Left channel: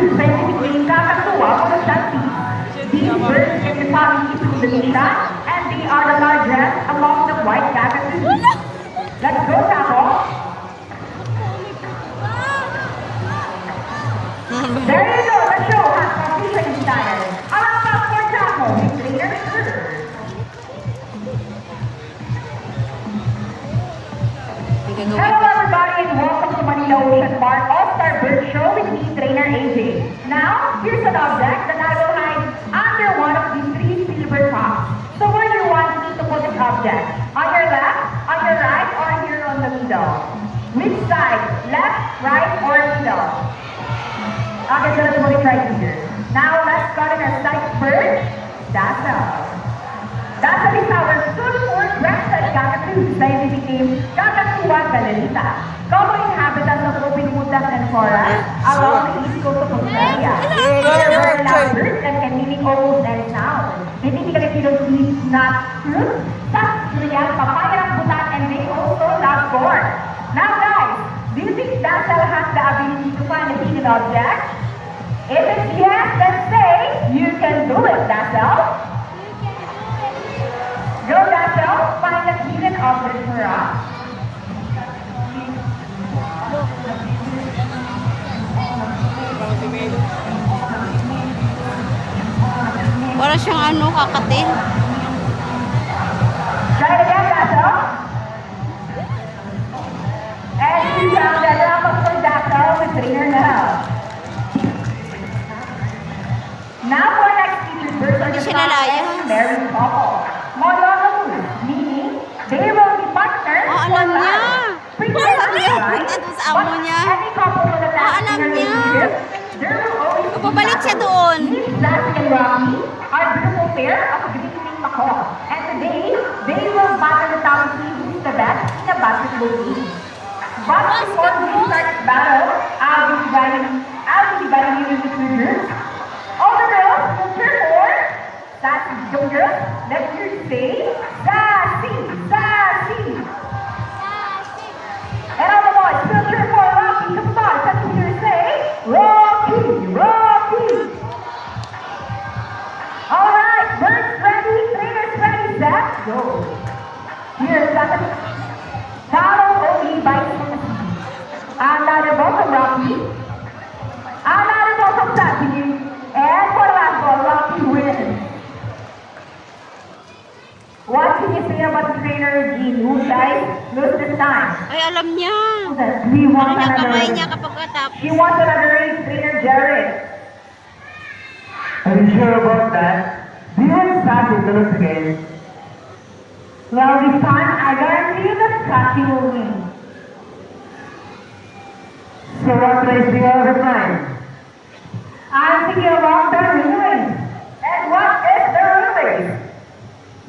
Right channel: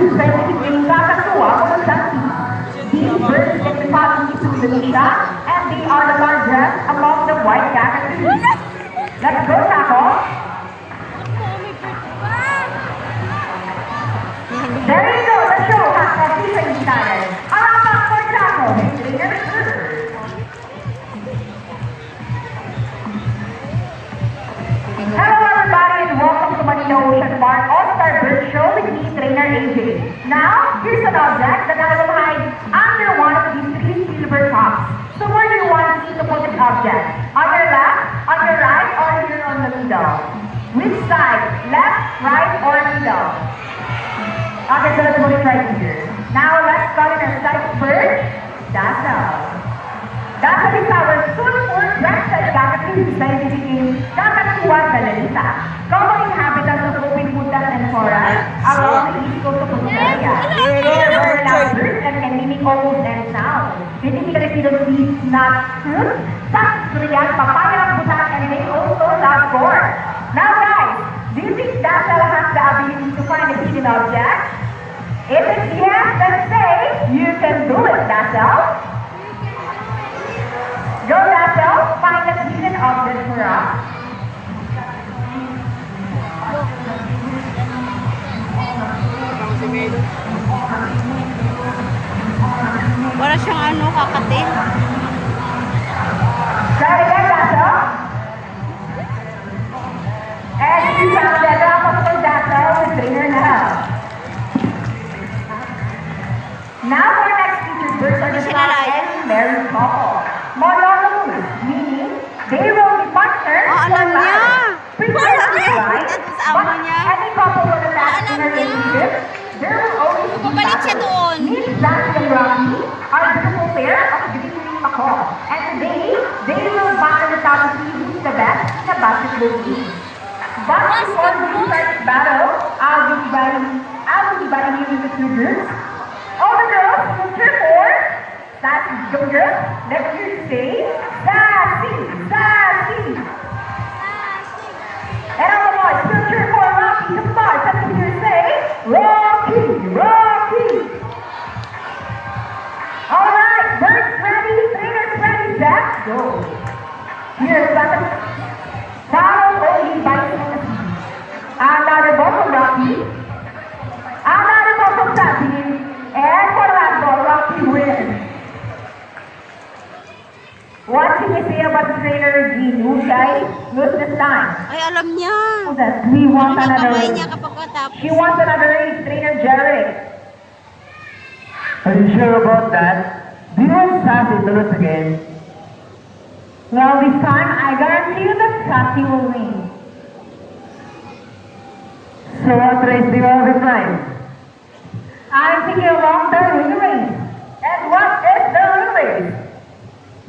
two scientific kakatuwa o chantis. These birds get the family to Indonesia, and they are the largest among the white cockatoos. Let's go, Taco. There you go, the show, Taco, featuring style. For Taco, his leader. Hello everybody and welcome to Manila Ocean Park All-Star Bird Show with me, Trainer AJ. Now, here's an object that I will hide under one of these three silver tops. So where do you want me to put this object? On your left, on your right, or here on the middle? Which side? Left, right, or middle? Okay, so let's put it right here. Now, let's call it a sight bird. Dazzle. Dazzle is our super breasted cockatoo, scientific name, Kakatuwa galanita. Common habitats of open woodlands and forests along the east coast of Australia. They are loud birds and can mimic almost any sound. They typically feed on seeds, nuts, fruits, such durian, papaya, butak, and they also love corn. Now guys, do you think Dazzle has the ability to find a hidden object? If it's yes, then say, you can do it, Dazzle. Go, Dazzle, find a hidden object for us. Wala siyang ano, kakatin. Try again, Dazzle. And you have the drop of Dazzle with trainer now. Now our next featured birds are the cock and married couple. Monogamous, meaning they will be partners Alam niya. Prepare Sa amo niya. any couple with a last Alam niya. relationship, there will always be Bumalik siya doon. Miss Jackie and Rocky are a beautiful pair of green macaw. And today, they will battle it out to see who is the best in the basketball game. But before we start the battle, I'll be dividing you into two groups. All the girls will cheer for Sassy. Go girls, let's hear you say Sassy, Sassy. And all the boys will cheer for Rocky the Fox. Let's hear you say Rocky, Rocky. All right, birds ready, trainers ready, set, go. Here's Sassy. Now only bites on the sea. Another ball from Rocky. Another ball from Sassy. And for the last ball, Rocky wins. What can you say about the trainer Gene? Who guys lose this time? Ay, alam niya. We want Ano yung another kamay race. niya kapag katapos. She wants another race, trainer Jared. Are you sure about that? Do you want Sassy to lose again? Well, this time I guarantee you that Sassy will win. So what race do you have in mind? I'm thinking about the ring race. And what is the ring race?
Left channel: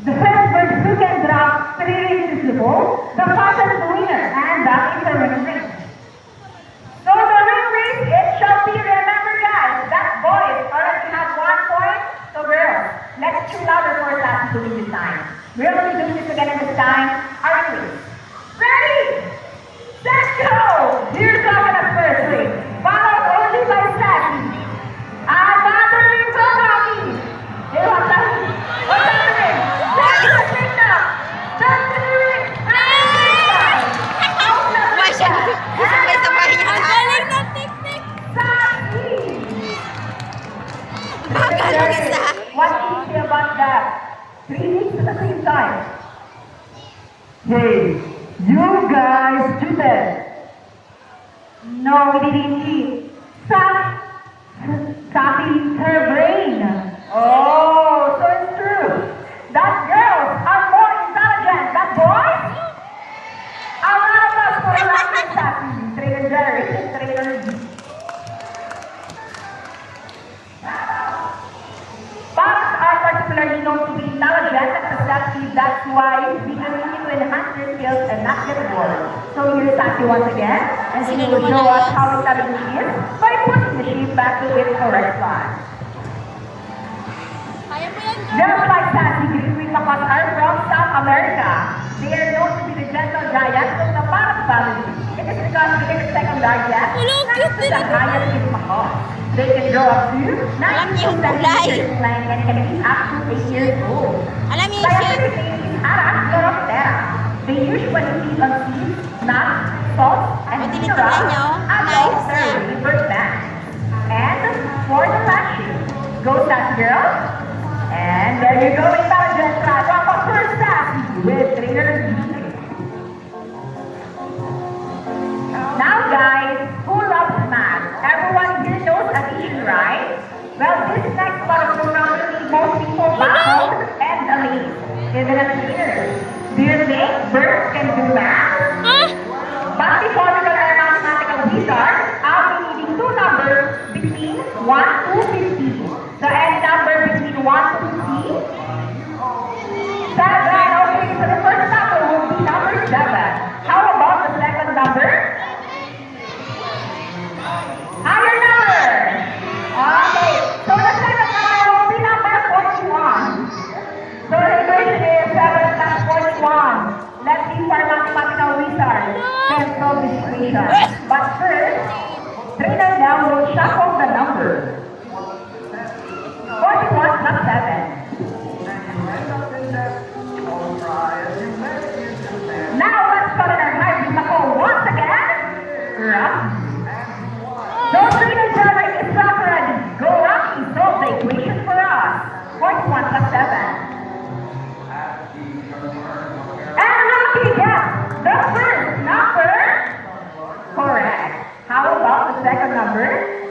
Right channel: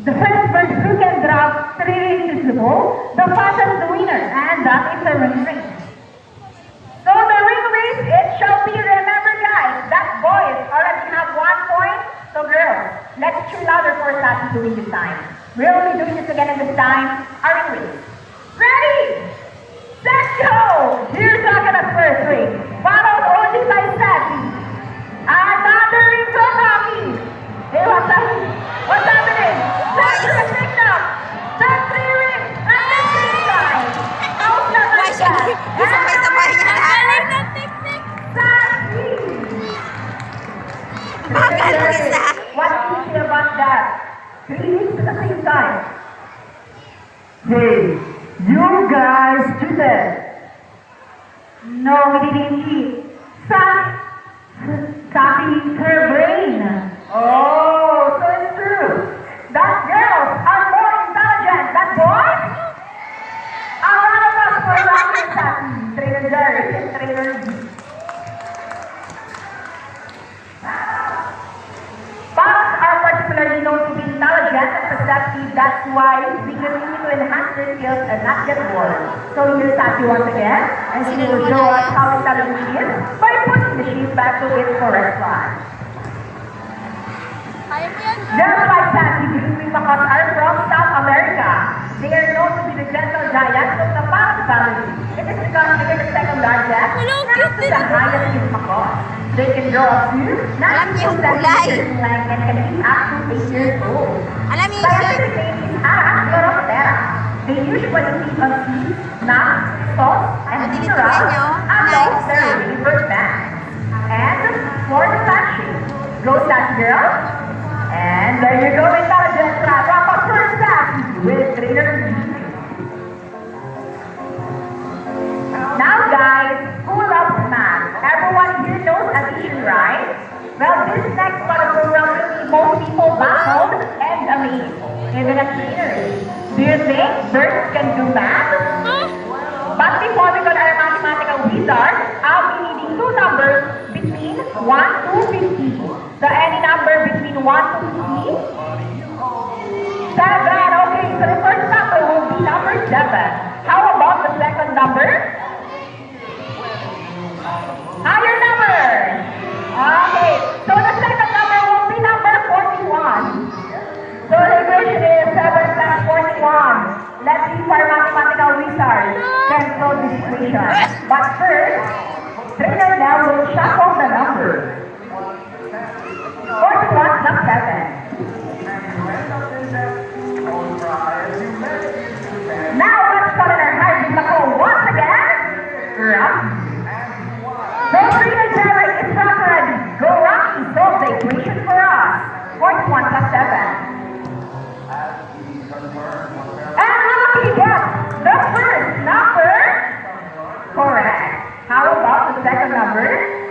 The first bird who can drop 3 races in a row, the fastest the winner, and that is the ring race. So the ring race, it shall be, remember guys, that boys already have 1 point, so girls, let's cheer louder for Sassy to win this time. We're only doing this again in this time, our ring race. Ready, set, go! Here's talking at first race, followed only by Sassy. Another ring from Rocky. Hey, what's happening? What's happening? That's the signal. That's 3 rings. And the signal. Out na Why siya? Sabay-sabay niya lahat. Sassy. Bagal mo isa. What do you say about that? 3 rings at the same time. Hey, you guys cheated! No, we didn't cheat. Sassy, her brain. Oh, so it's true. That girls are more intelligent than boys? A lot of us were laughing at Sassy. Trainer Jerry and Trainer G. Fox are particularly known to be intelligent and perceptive. That's why we continue to enhance their skills and not get bored. So here's Sassy once again, and she will show us how intelligent she is by putting the sheep back to its correct spot. Just like Sassy, green macaws are from South America. They are known to be the gentle giants of the Fox family. It is because they are the second largest not to the highest in Macau. They can grow up to Alam niyo yung 9 kulay. meters length and can be up to 8 years old. Alam niyo yung shape. Scientific name is Chloroptera. They usually feed on seeds, nuts, salt, and O, tinitingnan minerals niyo. along Nice. their river banks. And for the fashion, go Sassy girl. And there you go, intelligence trap. Up up first Sassy with trainer B. Now guys, who loves math? Everyone here knows addition, right? Well, this next part of the program will make most people baffled and amazed, even as trainers. Do you think birds can do math? But before we go to our mathematical wizard, I'll be needing two numbers between 1 to 50. So any number between 1 to 50? 7. Okay, so the first number will be number 7. How about the second number? Higher number. Okay, so the second number will be number 41. So the equation is 7 plus 41. Let's see if our mathematical wizard can solve this equation. But first, trainer now will shuffle the number. 41 plus 7. Now let's call it our hard Macau once again. Rocky. So trainer Derek is ready. Go Rocky, solve the equation for us. 41 plus 7. And Rocky gets the first number correct. How about the second number?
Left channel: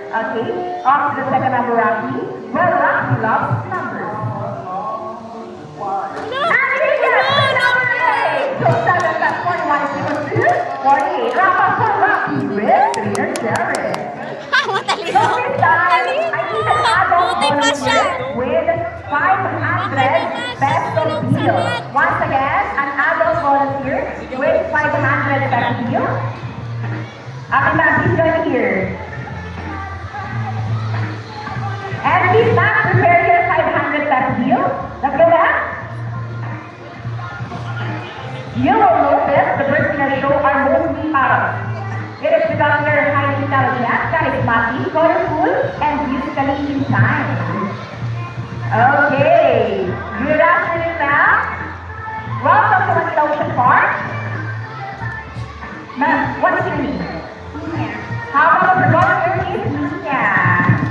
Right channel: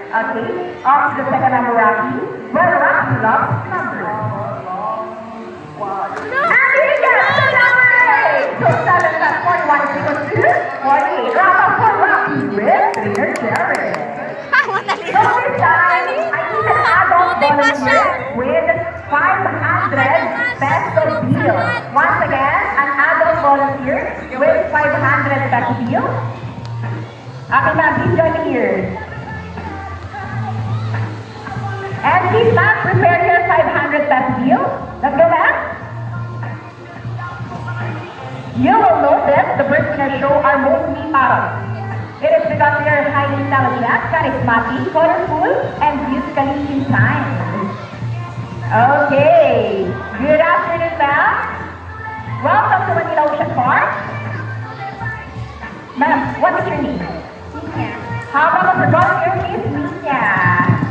Okay, up to the second number, Rocky. Well, Rocky loves numbers. And he gets the number 8. So 7 plus 41 is equal to 48. Round for Rocky with trainer Jared. So Matalino. this time, I need an adult volunteer with 500 peso bill. Once again, an adult volunteer with 500 peso bill. Okay, ma'am, please join me here. And please, ma'am, prepare your 500 peso bill. Let's go, ma'am. You will notice the birds in our show are mostly parrots. It is because they are highly intelligent, charismatic, colorful, and musically inclined. Okay. Good afternoon, ma'am. Welcome to Manila Ocean Park. Ma'am, what is your name? How about the volunteer is Mia?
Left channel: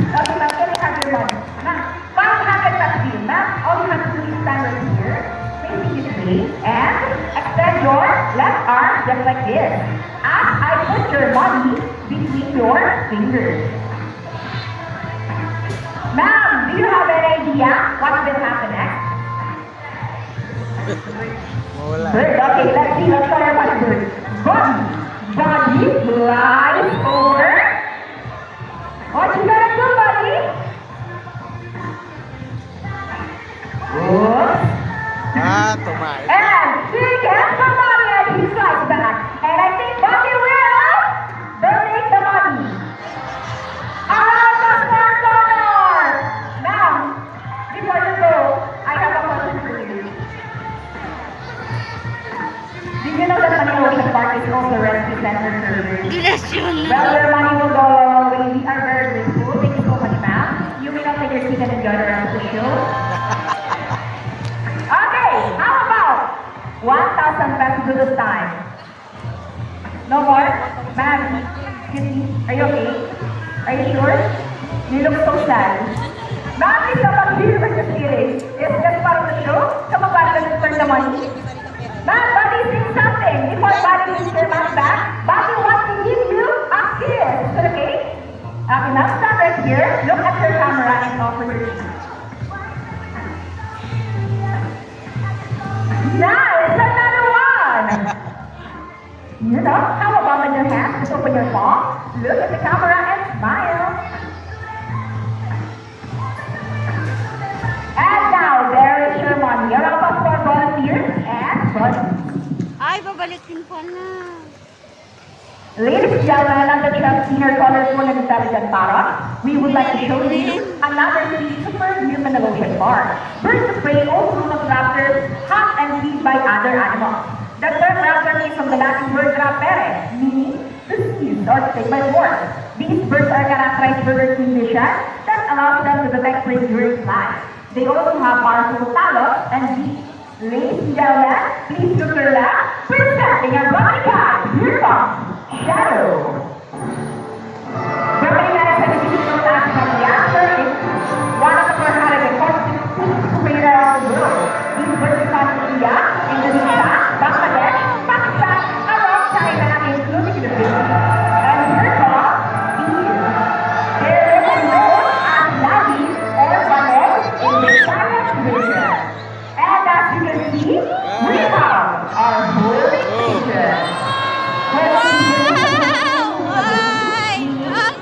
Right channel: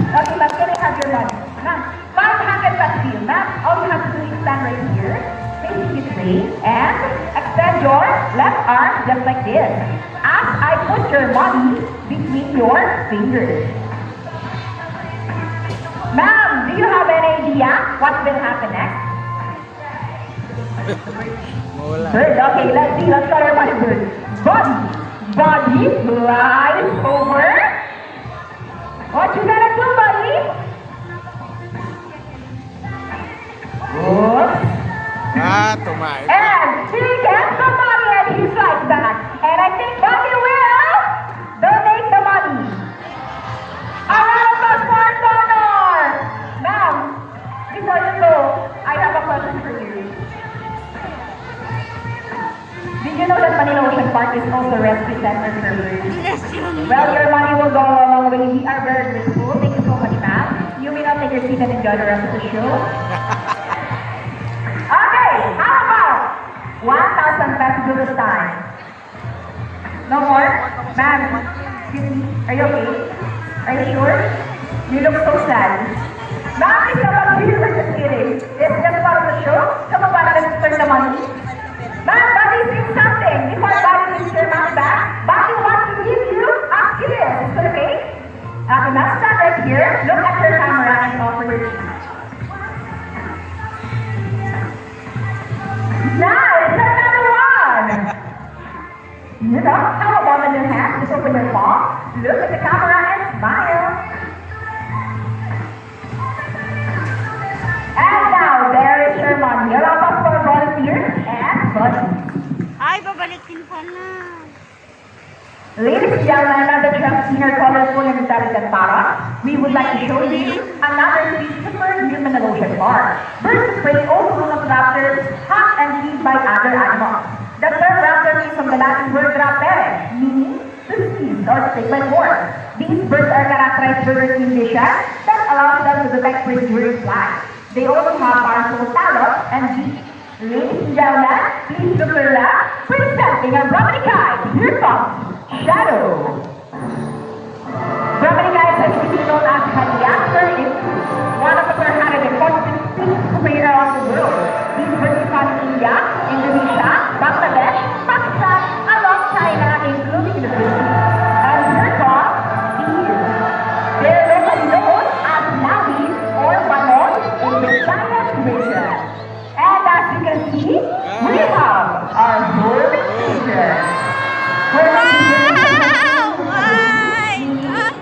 Okay, ma'am, can I have your money? Ma'am, 500 peso bill. Ma'am, all you have to do is stand right here, facing this way, and extend your left arm just like this. As I put your money between your fingers. Ma'am, do you have any idea what will happen next? Mawala. Bird, okay, let's see. Let's show your money, bird. Body. Body lies over. What you gonna do, buddy? Good. Tumae. And he gets the money and he flies back. And I think Bobby will donate the money. A round of applause for Connor. Ma'am, before you go, I have a question for you. Did you know that Manila Ocean Park is also a rescue center for birds? Bless you. Well, your money will go a long way. We are very grateful. Thank you so much, ma'am. You may now take your seat and enjoy the rest of the show. Okay, how about 1,000 pesos this time? No more? Ma'am, excuse me, are you okay? Are you sure? You look so sad. Ma'am, please come up here. We're just kidding. It's just part of the show. Come on, buddy, let's turn the money. Ma'am, buddy, say something. Before buddy gives your money back, buddy wants to give you a kiss. Is it okay? Okay, ma'am, stand right here. Look at your camera and offer your cheese. Nice, another one. You know, how about in your hand? Just open your palm, look at the camera and smile. And now, there is your money. A round of applause for volunteers and buddy. Ay, babalikin pa na. Ladies and gentlemen, another senior colorful and intelligent parrot. We would like to show you another super human evolution part. Birds of prey also known as raptors, hunt and feed by other animals. The term raptor is from the Latin word rapere, meaning to seize. or to take by force. These birds are characterized by their keen vision that allows them to detect prey during flight. They also have powerful talons and beaks. Ladies and gentlemen, please look to the left, presenting our Brahmani guide. Here comes Shadow. Brahmani guide is typically known as Pandiaster, one of the 146 breeds around the world. These birds found in India, Indonesia, Bangladesh, Pakistan, along China, including the Philippines. And here comes Bees. They're also known as Nabis or Banos in the science division. And as you can see, we have our whole children.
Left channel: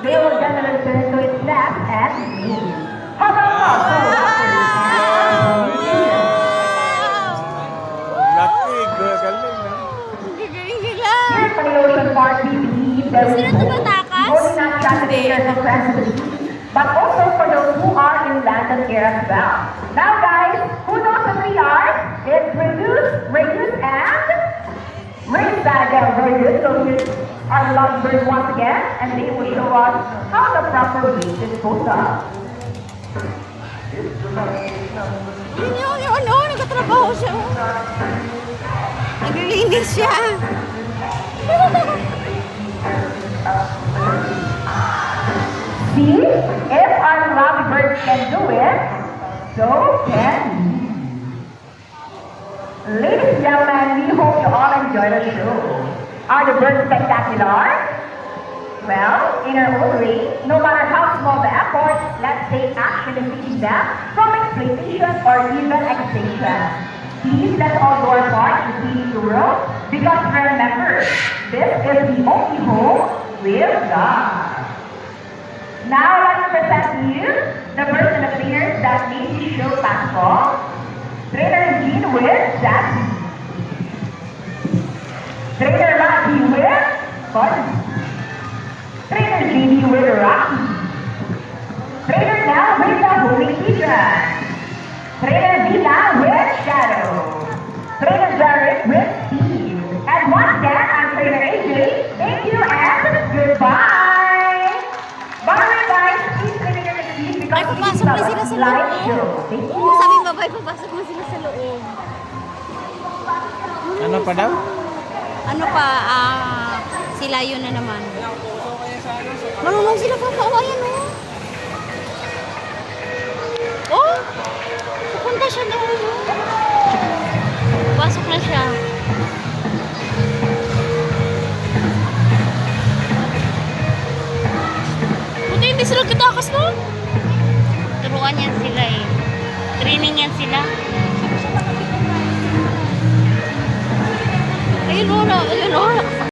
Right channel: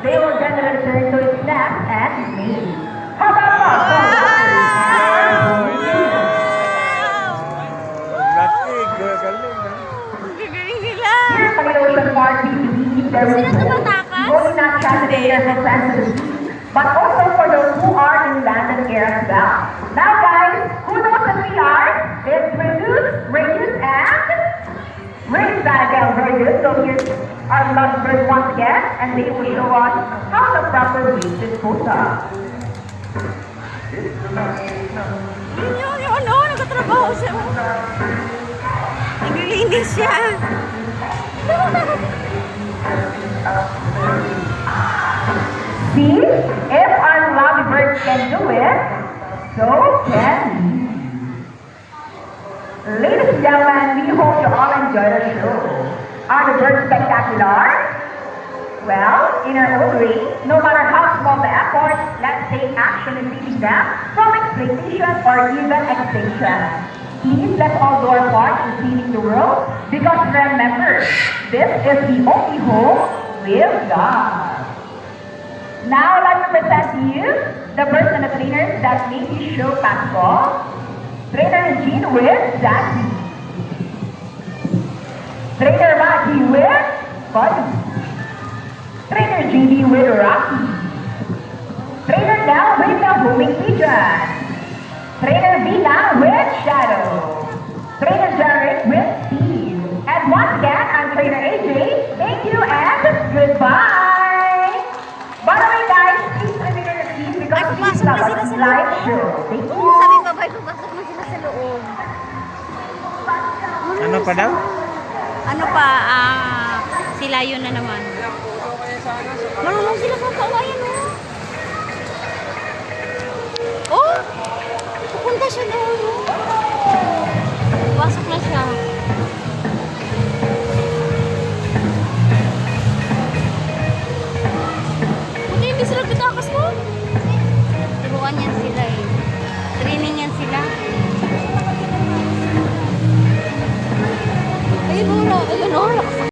They will generally turn to its nest and mate. How about Lastig, galing na. Gagaling sila. Here at the Ocean Park, we believe there Sino is hope, tumatakas? only not translated for presidency, but also for those who are in land and air as well. Now guys, who knows what we are? It's Reduce, Radius, and Race Diagram. Very good. So here's our lovebirds once again, and they will show us how the proper way to dispose of. Ano, nagtatrabaho siya. Naglilinis siya. See, if our lovebirds can do it, so can we. Ladies and gentlemen, we hope you all enjoy the show. Are the birds spectacular? Well, in our own way, no matter how small the effort, let's take action in feeding them from exploitation or even extinction. Please let's all do our part in feeding the world, because remember, this is the only home with God. Now let me present to you the birds and the trainers that made this show possible. Trainer Jean with Sassy. Trainer Rocky with Buddy. Trainer JD with Rocky. Trainer Nell with the homing pigeon. Trainer Vita with Shadow. Trainer Jared with Steve. And once again, I'm Trainer AJ. Thank you and goodbye. By the way guys, please trainer the team because Ay, papasok na sila sa loob. live show. Thank you. Oo, sabi ng babae, papasok na sila sa loob. Ano pa daw? Ano pa, sila yun na naman. Marunong sila kakawayan, oh. Oh, pupunta siya doon, oh. Pasok na siya. Buti hindi sila kitakas, no? Turuan yan sila, eh. Training yan sila. Ayun, oh, ayun, oh.